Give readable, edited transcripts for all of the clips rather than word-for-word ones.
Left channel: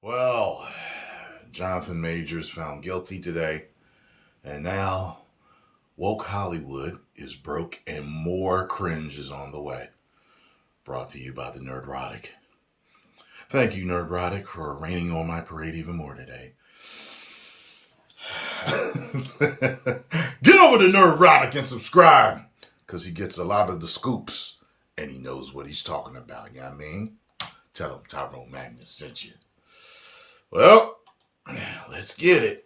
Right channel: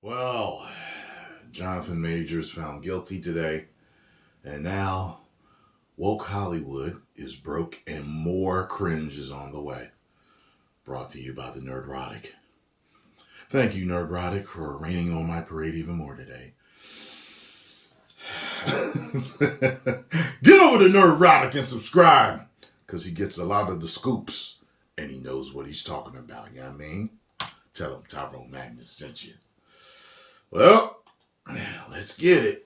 Well, Jonathan Majors found guilty today, and now woke Hollywood is broke and more cringe is on the way. Brought to you by the Nerdrotic. Thank you, Nerdrotic, for raining on my parade even more today. Get over to Nerdrotic and subscribe, because he gets a lot of the scoops, and he knows what he's talking about, you know what I mean? Tell him Tyrone Magnus sent you. Well, let's get it.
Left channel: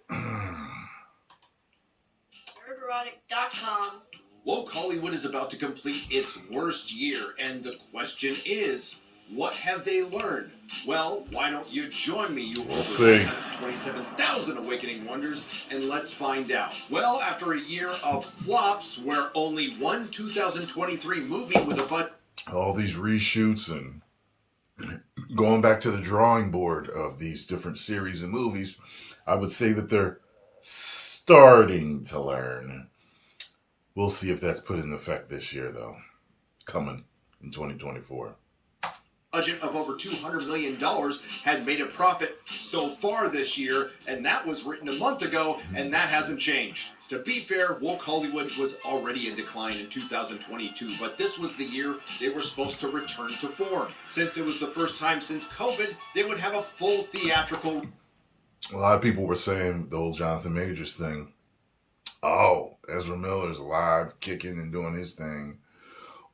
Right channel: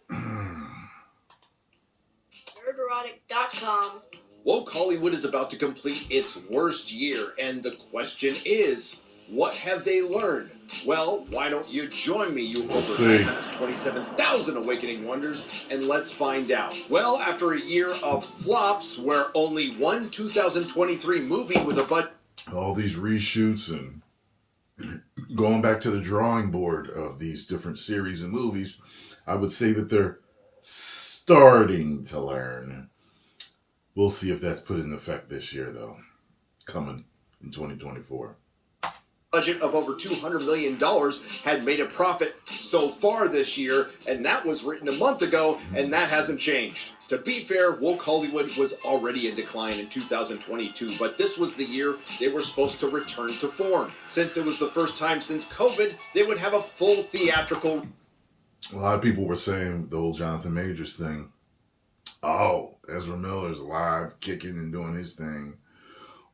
Nerdrotic.com. Woke Hollywood is about to complete its worst year, and the question is, what have they learned? Well, why don't you join me, you over 927,000 Awakening Wonders, and let's find out. Well, after a year of flops where only one 2023 movie with a budget... All these reshoots and going back to the drawing board of these different series and movies, I would say that they're starting to learn. We'll see if that's put in effect this year, though, coming in 2024. Budget of over $200 million had made a profit so far this year, and that was written a month ago, and that hasn't changed. To be fair, Woke Hollywood was already in decline in 2022, but this was the year they were supposed to return to form. Since it was the first time since COVID, they would have a full theatrical... A lot of people were saying the old Jonathan Majors thing. Oh, Ezra Miller's alive, kicking and doing his thing,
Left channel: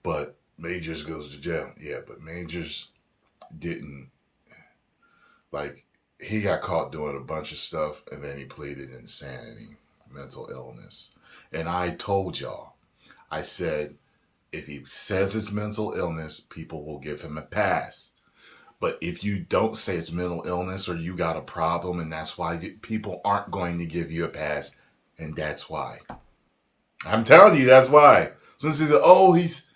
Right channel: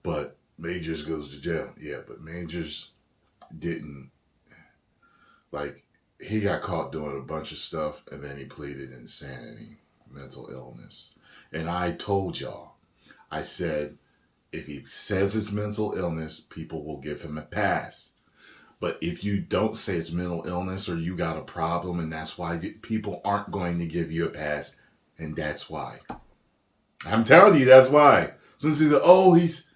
but Majors goes to jail. Yeah, but Majors didn't, like, he got caught doing a bunch of stuff, and then he pleaded insanity, mental illness. And I told y'all, I said, if he says it's mental illness, people will give him a pass. But if you don't say it's mental illness or you got a problem and that's why people aren't going to give you a pass, and that's why. I'm telling you, that's why. So it's either, oh, he's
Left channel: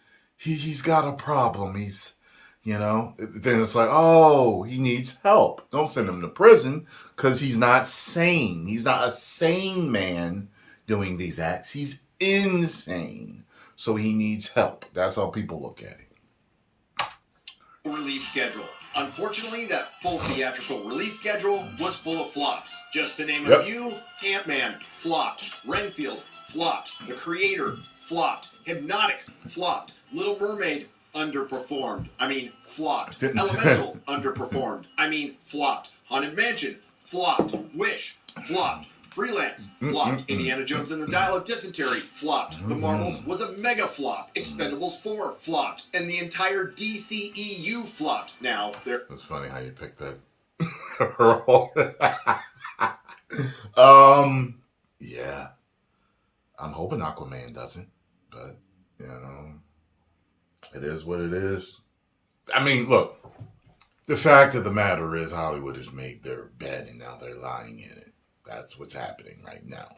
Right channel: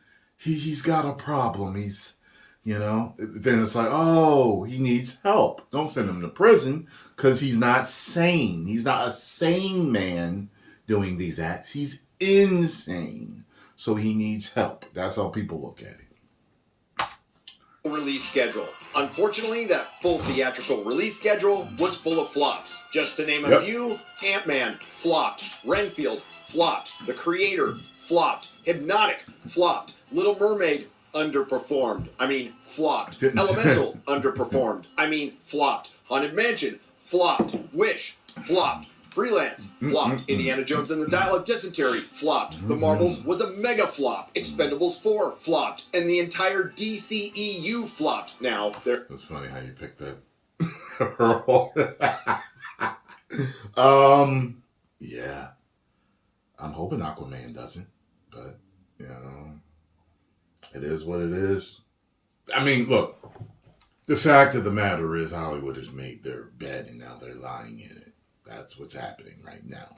got a problem. He's, you know, then it's like, oh, he needs help. Don't send him to prison because he's not sane. He's not a sane man doing these acts. He's insane. So he needs help. That's how people look at it. Release schedule. Unfortunately, that full theatrical release schedule was full of flops. Just to name a few, Ant-Man flopped, Renfield flopped, The Creator flopped, Hypnotic flopped, Little Mermaid underperformed. Flopped. Elemental underperformed. Flopped. Haunted Mansion flopped. Wish flopped. Freelance flopped. Indiana Jones and the Dial of Dysentery flopped. The Marvels was a mega flop. Expendables 4 flopped. And the entire DCEU flopped. Now, there... It's funny how you picked that role. Yeah. I'm hoping Aquaman doesn't. But, you know, it is what it is. I mean, look. The fact of the matter is Hollywood has made their bed and now they're lying in it. That's what's happening right now.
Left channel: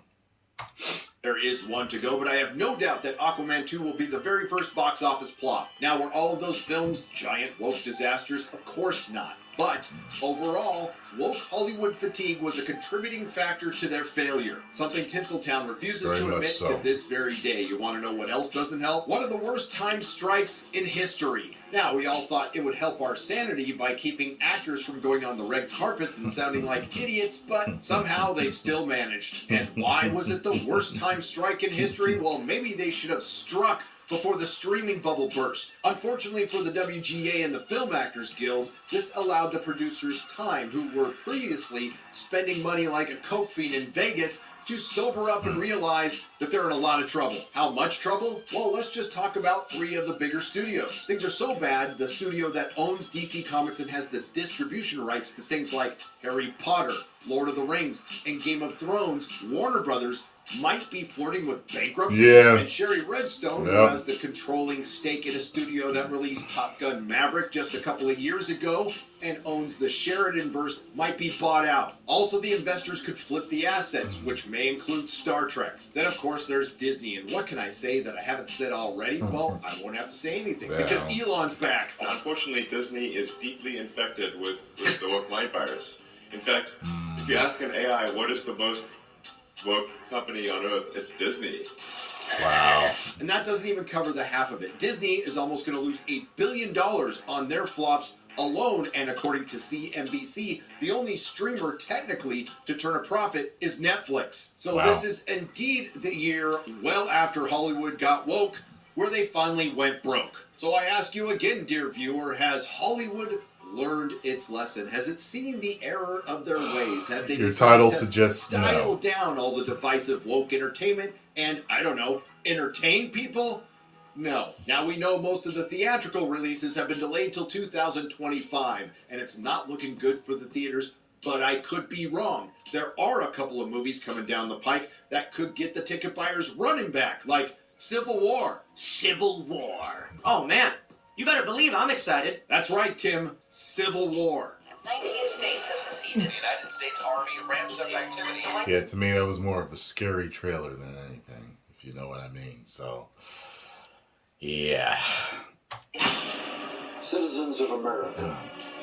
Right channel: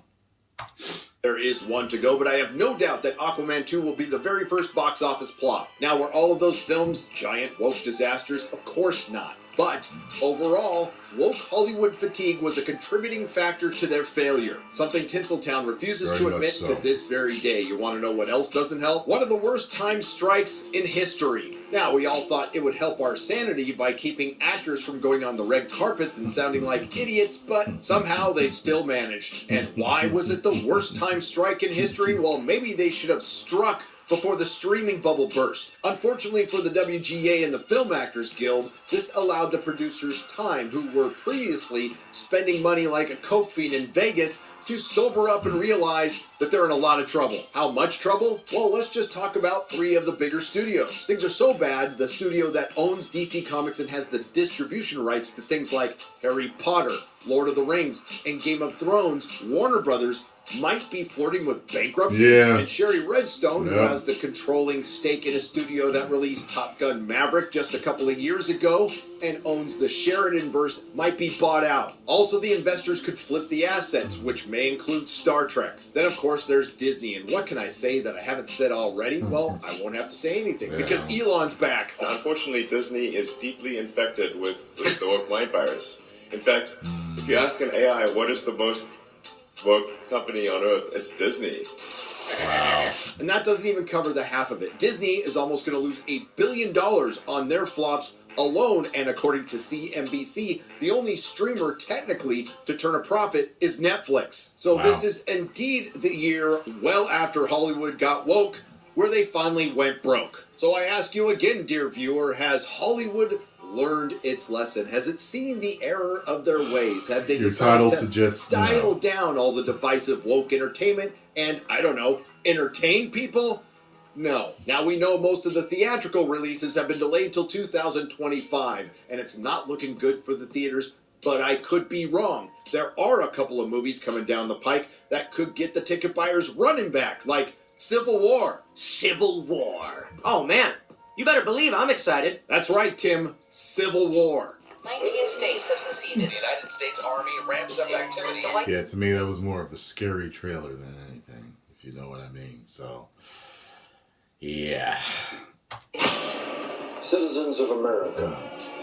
There is one to go, but I have no doubt that Aquaman 2 will be the very first box office flop. Now, were all of those films giant woke disasters? Of course not. But, overall, woke Hollywood fatigue was a contributing factor to their failure. Something Tinseltown refuses to admit to this very day. You want to know what else doesn't help? One of the worst time strikes in history. Now, we all thought it would help our sanity by keeping actors from going on the red carpets and sounding like idiots, but somehow they still managed. And why was it the worst time strike in history? Well, maybe they should have struck before the streaming bubble burst. Unfortunately for the WGA and the Film Actors Guild, this allowed the producers time, who were previously spending money like a coke fiend in Vegas, to sober up and realize that they're in a lot of trouble. How much trouble? Well, let's just talk about 3 of the bigger studios. Things are so bad, the studio that owns DC Comics and has the distribution rights to things like Harry Potter, Lord of the Rings, and Game of Thrones, Warner Brothers, might be flirting with bankruptcy. And Sherry Redstone, who has the controlling stake in a studio that released Top Gun Maverick just a couple of years ago and owns the Sheridan-verse, might be bought out. Also, the investors could flip the assets, which may include Star Trek. Then, of course, there's Disney. And what can I say that I haven't said already? Well, I won't have to say anything because Elon's back. Unfortunately, Disney is deeply infected with the woke mind virus. In fact, if you ask an AI what is the most woke company on earth, it's Disney. Wow. And that doesn't even cover the half of it. Disney is almost going to lose $1 billion on their flops alone, and according to CNBC, the only streamer technically to turn a profit is Netflix. So Wow. this is indeed the year well after Hollywood got woke, where they finally went broke. So I ask you again, dear viewer, has Hollywood learned its lesson? Has it seen the error of their ways? Have they Your title decided to suggests dial no. down all the divisive woke entertainment and, I don't know, entertain people? No. Now we know most of the theatrical releases have been delayed till 2025, and it's not looking good for the theaters, but I could be wrong. There are a couple of movies coming down the pike that could get the ticket buyers running back, like Civil War. Civil War. Oh man, you better believe I'm excited. That's right, Tim. Civil War. 19 states have seceded. The United States Army ramps up activity. Yeah, to me that was more of a scary trailer than anything, if you know what I mean. So, yeah. Citizens of America,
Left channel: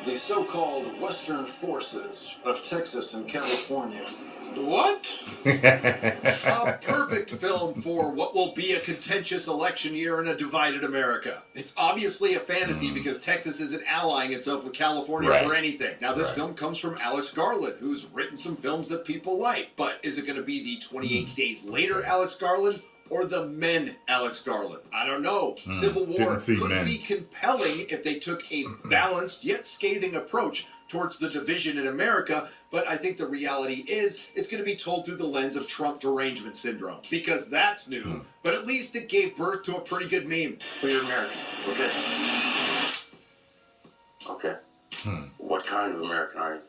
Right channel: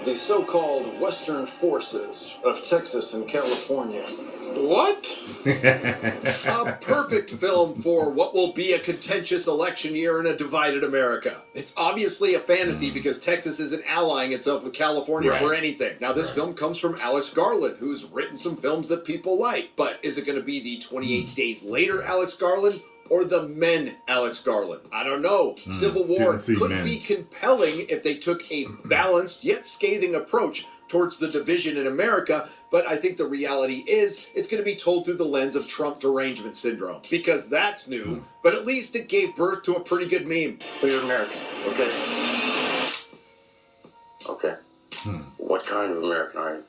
the so-called Western forces of Texas and California. What? A perfect film for what will be a contentious election year in a divided America. It's obviously a fantasy because Texas isn't allying itself with California for Right. anything. Now, this film comes from Alex Garland, who's written some films that people like. But is it going to be the 28 Days Later Alex Garland? Or the Men Alex Garland? I don't know. Civil War didn't see could Men. be compelling if they took a balanced yet scathing approach towards the division in America, but I think the reality is it's going to be told through the lens of Trump derangement syndrome, because that's new, but at least it gave birth to a pretty good meme. Well, you're American, okay? Okay. What kind of American are you?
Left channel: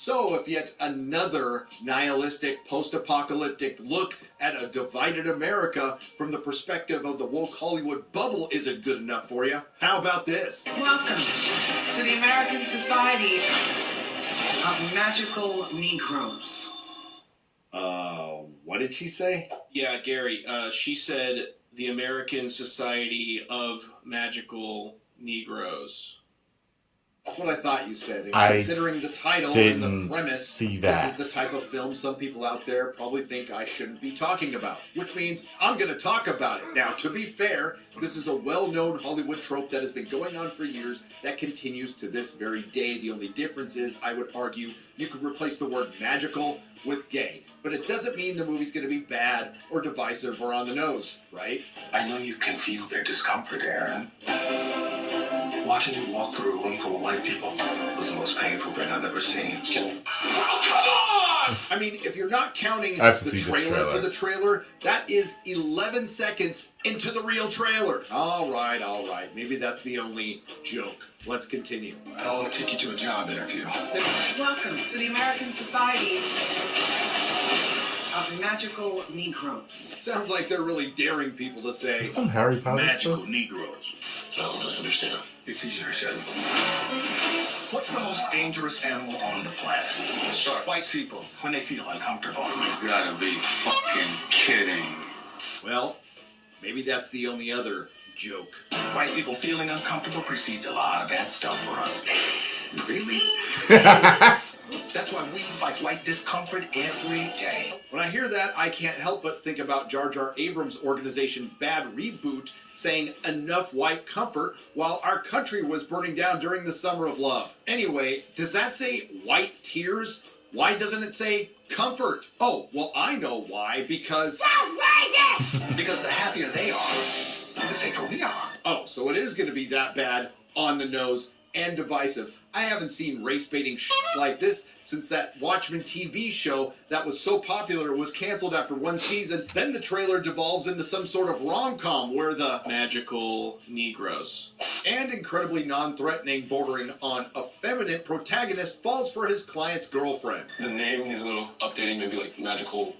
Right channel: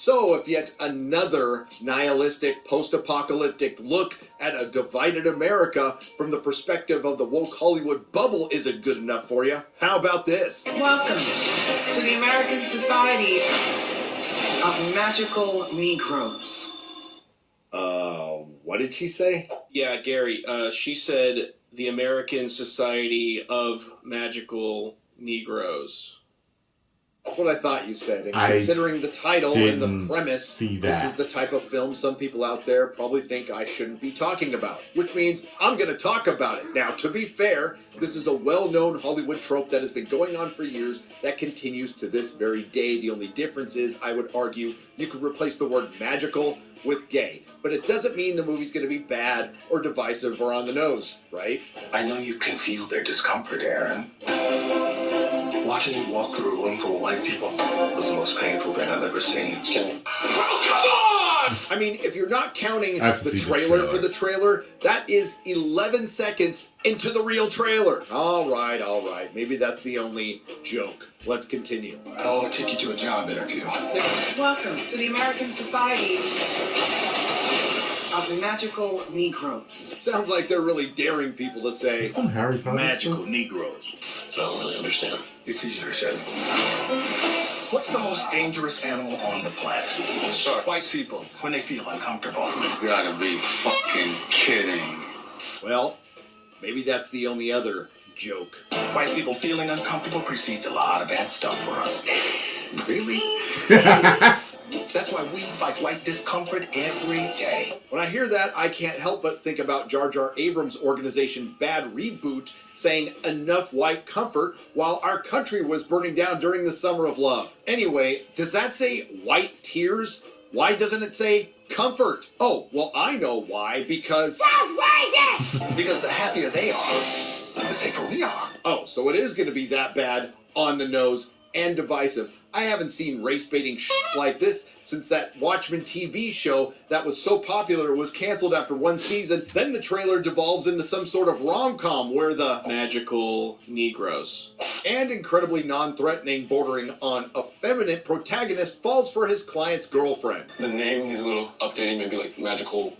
So, if yet another nihilistic, post-apocalyptic look at a divided America from the perspective of the woke Hollywood bubble isn't good enough for you, how about this? Welcome to the American Society of Magical Negroes. What did she say? Yeah, Gary, she said the American Society of Magical Negroes. That's what I thought you said. And I considering the title and the didn't premise, see this that. is the type of film some people out there probably think I shouldn't be talking about, which means I'm going to talk about it. Now, to be fair, this is a well-known Hollywood trope that has been going on for years that continues to this very day. The only difference is, I would argue, you could replace the word magical with gay. But it doesn't mean the movie's going to be bad or divisive or on the nose, right? I know you can feel their discomfort, Aaron. Watching you walk through a room full of white people was the most painful thing I've ever seen. Well, come on! I mean, if you're not counting I have to the see this trailer trailer. for the trailer, that is 11 seconds into the real trailer. All right. Maybe that's the only joke. Let's continue. I want to take you to a job interview. Welcome to the American Society of Magical Negroes. Sounds like they're really daring people to say, Some Harry Potter Magical stuff? Negroes. I don't really understand. It's easier said. What's the most dangerous animal on the planet? Shark. White people, when they feel uncomfortable. You gotta be fucking kidding. well, maybe that's the only other joke. White people feeling uncomfortable precedes a lot of bad stuff for us. Really? That's why we fight white discomfort every day. When I hear that, I can't help but think about Jar Jar Abrams' organization Bad Reboot saying enough white comfort while our country was burning down during the Summer of Love. Anyway, does that say white tears? Why doesn't it say comfort? Oh, well, I know why, because... Because the happier they are, the safer we are. Oh, so it is going to be that bad, on the nose, and divisive. I haven't seen race-baiting shit like this since that Watchmen TV show that was so popular it was canceled after one season. Then the trailer devolves into some sort of rom-com where the Magical Negroes. and incredibly non-threatening, bordering on effeminate protagonist falls for his client's girlfriend. The name is a little updating, maybe like magical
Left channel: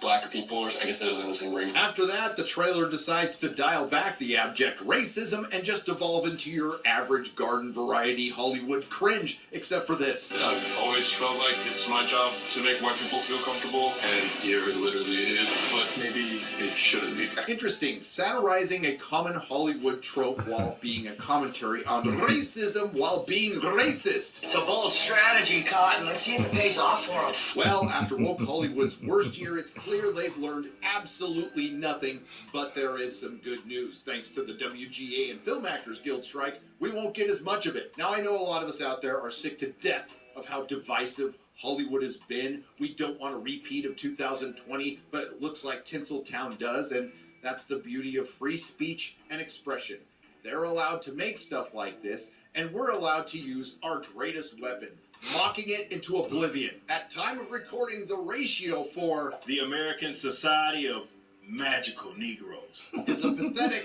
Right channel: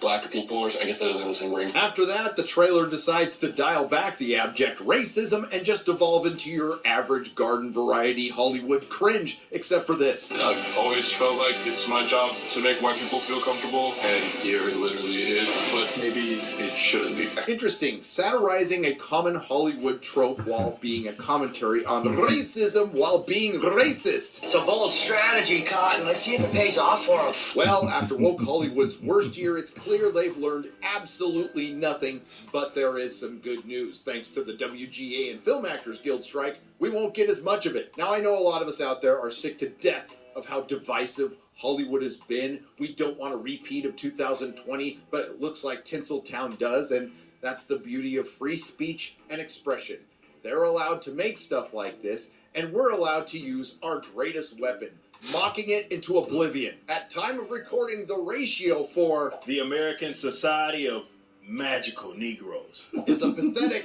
black people, or I guess that doesn't have the same ring. After that, the trailer decides to dial back the abject racism and just devolve into your average garden variety Hollywood cringe, except for this. I've always felt like it's my job to make white people feel comfortable, and here it literally is, but maybe it shouldn't be. Interesting, satirizing a common Hollywood trope while being a commentary on racism while being racist. It's a bold strategy, Cotton. Let's see if it pays off for them. Well, after woke Hollywood's worst year, it's clear they've learned absolutely nothing, but there is some good news. Thanks to the WGA and Film Actors Guild strike, we won't get as much of it. Now, I know a lot of us out there are sick to death of how divisive Hollywood has been. We don't want a repeat of 2020, but it looks like Tinseltown does, and that's the beauty of free speech and expression. They're allowed to make stuff like this, and we're allowed to use our greatest weapon, mocking it into oblivion. At time of recording, the ratio for the American Society of Magical Negroes is a pathetic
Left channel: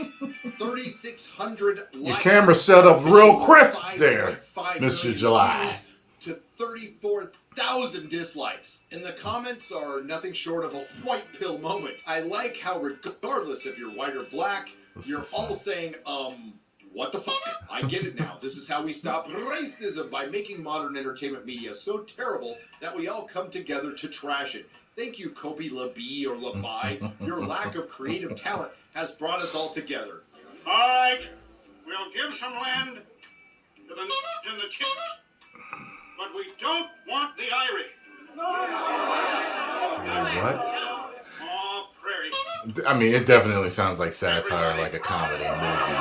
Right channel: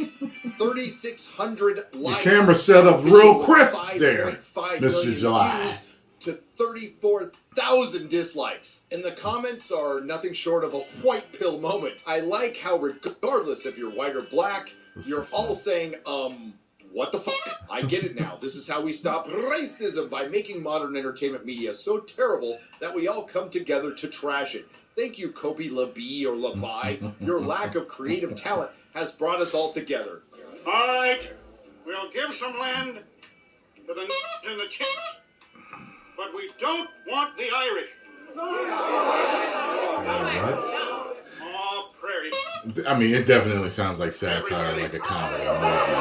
3,600 likes. Your camera set up real crisp there, 5.5 Mr. million July. views to 34,000 dislikes. And the comments are nothing short of a white pill moment. I like how regardless if you're white or black, you're all saying, what the fuck? I get it now. This is how we stop racism, by making modern entertainment media so terrible that we all come together to trash it. Thank you, Kobe LaBee or LaBai. Your lack of creative talent has brought us all together. All right, we'll give some land to the and the chicks, but we don't want the Irish. Oh, prairie. I mean, it definitely sounds like satire, like a comedy movie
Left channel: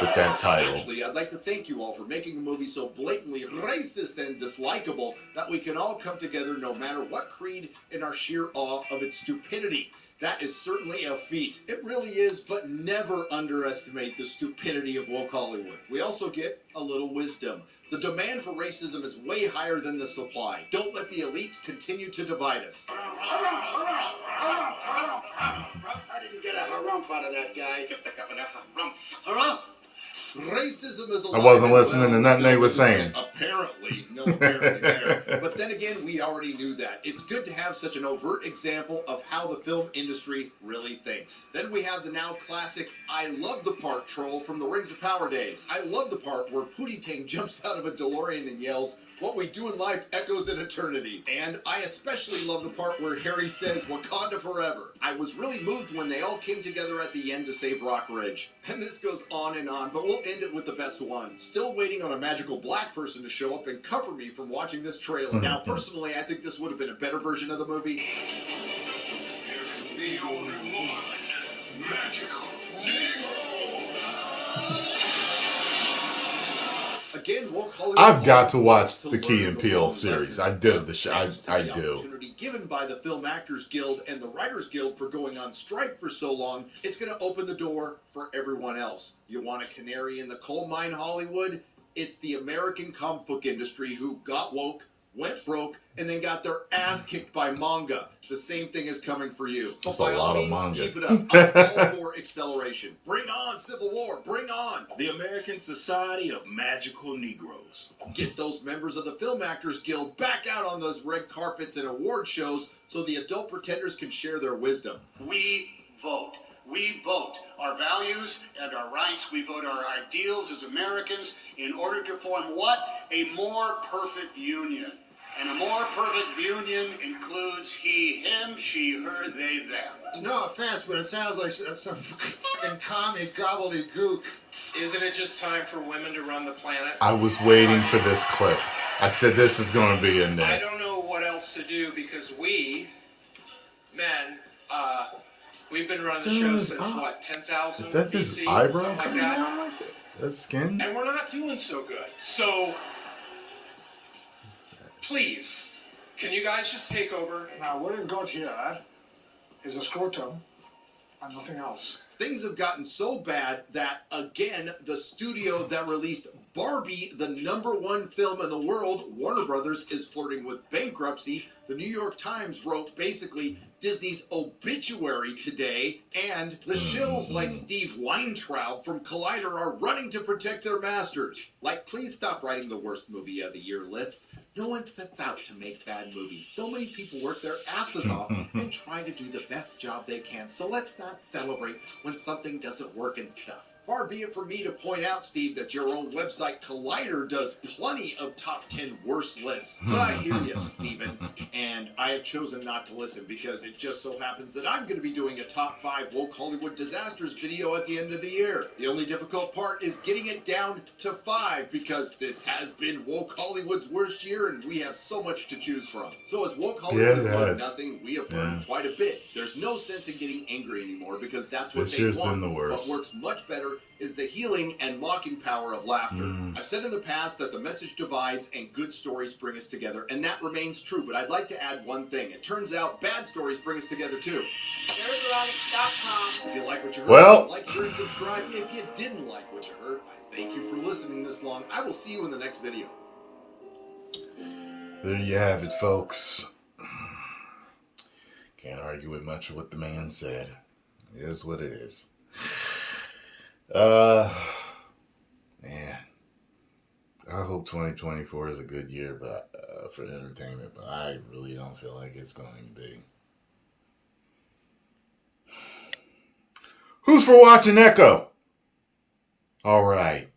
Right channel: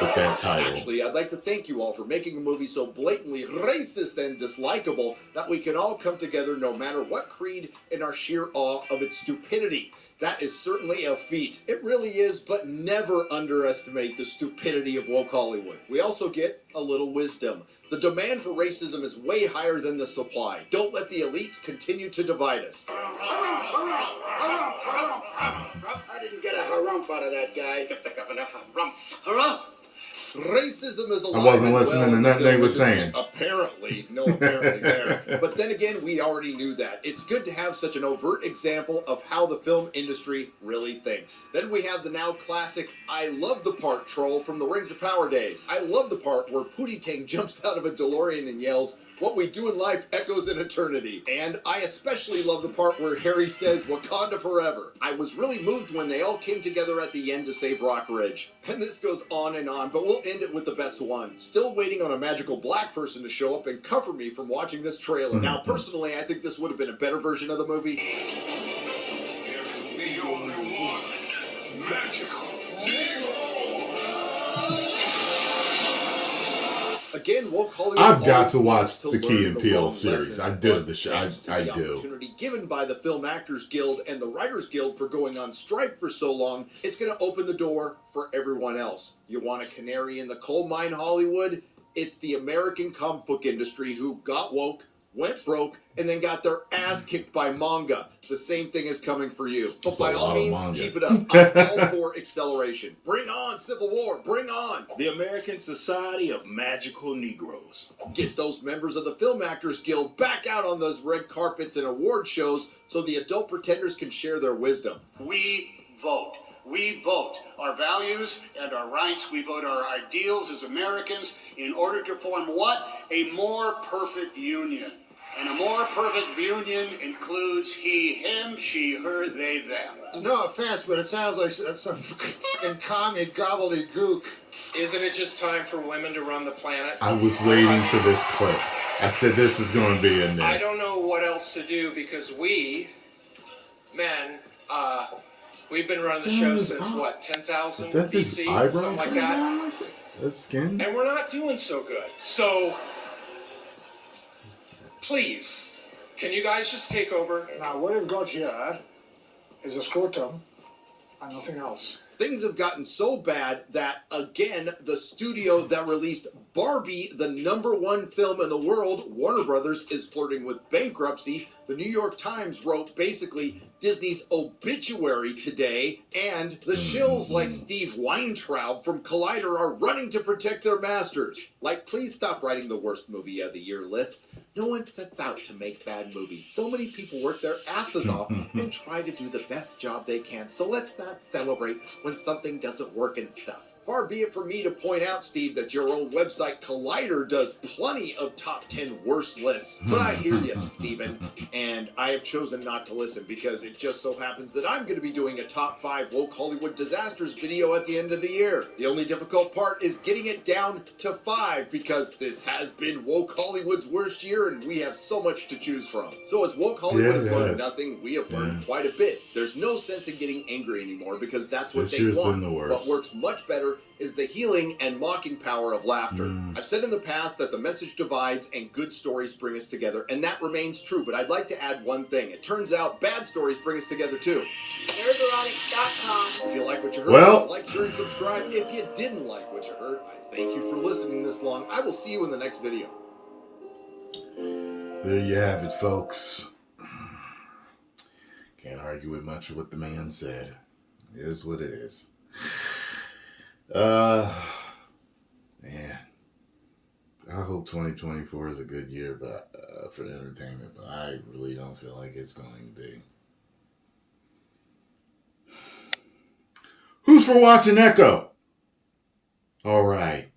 with that title. Actually, I'd like to thank you all for making a movie so blatantly racist and dislikable that we can all come together no matter what creed in our sheer awe of its stupidity. That is certainly a feat. It really is, but never underestimate the stupidity of woke Hollywood. We also get a little wisdom. The demand for racism is way higher than the supply. Don't let the elites continue to divide us. I didn't get a harumph out of that guy. Give the governor harumph. Harumph! Racism is alive. I wasn't and listening well to nothing they were industry. saying. Apparently. No apparently there. But then again, we already knew that. It's good to have such an overt example of how the film industry really thinks. Then we have the now classic I love the part troll from the Rings of Power days. I love the part where Pootie Tang jumps out of a DeLorean and yells, "What we do in life echoes in eternity." And I especially love the part where Harry says, "Wakanda forever." I was really moved when they all came together at the end to save Rock Ridge. And this goes on, but we'll end it with the best one. Still waiting on a magical black person to show up and cover me from watching this trailer. Now, personally, I think this would have been a better version of the movie. The only one, magical. Again, woke Hollywood. I've got to always watch seems to the Key learn and the Peele wrong series. lessons, I do but the show. thanks to I the do. opportunity given by the Film Actors Guild and the Writers Guild for going on strike for so long, it's going to open the door for everyone else. You want a canary in the coal mine, Hollywood? It's the American comic book industry who got woke, went broke, and then got their ass kicked by manga. The same thing is coming for you. But That's a by all lot of means, manga. keep it up. I'm all for acceleration. Bring on Civil War. Bring on the American Society of Magical Negroes. Get those members of the Film Actors Guild back out on those red carpets and award shows so the adult pretenders can share their wisdom. We vote. We vote our values and our rights. We vote our ideals as Americans in order to form what? A more perfect union. And a more perfect union includes he, him, she, her, they, them. No offense, but it sounds like some fucking commie gobbledygook. Isn't it just time for women to run the planet? I was waiting for this clip. I said this is going to be in there. I don't know what else to do because we, men, we've been running the show since what, 10,000 Is that his BC? eyebrow Something like coming that. out? That's skin? And we're not doing so good. So, please, can you guys just take over? Now, what we've got here is a scrotum and nothing else. Things have gotten so bad that, again, the studio that released Barbie, the #1 film in the world, Warner Brothers, is flirting with bankruptcy. The New York Times wrote basically Disney's obituary today, and the shills like Steve Weintraub from Collider are running to protect their masters. Like, please stop writing the worst movie of the year lists. No one sets out to make bad movies. So many people work their asses off and try to do the best job they can. So let's not celebrate when something doesn't work and stuff. Far be it from me to point out, Steve, that your own website Collider does plenty of top 10 worst lists. But I hear you, Steven, and I have chosen not to listen because it just so happens that I'm going to be doing a top 5 woke Hollywood disasters video at the end of the year. The only difficult part is getting it down to 5 because this has been woke Hollywood's worst year and we have so much to choose from. So as woke Hollywood has learned nothing, we have learned quite a bit. There's no sense in getting angry anymore because that's what This they year's been want. the worst. What works much better is the healing and mocking power of laughter. I've said in the past that the message divides and good stories bring us together, and that remains true, but I'd like to add one thing. It turns out bad stories bring us together too. Nerderotic.com. If you like what you heard, Well, like, share, and subscribe. If you didn't like what you heard, I thank you for listening this long. I will see you in the next video. There you have it, folks. Can't argue with much of what the man said. It is what it is. Man, I hope 2024 is a good year for entertainment, but I really don't feel like it's going to be. Who's for watching Echo? All right.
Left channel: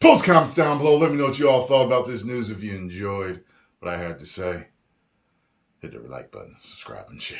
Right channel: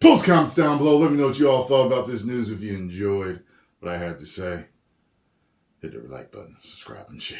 Post comments down below. Let me know what you all thought about this news. If you enjoyed what I had to say, hit the like button, subscribe, and share.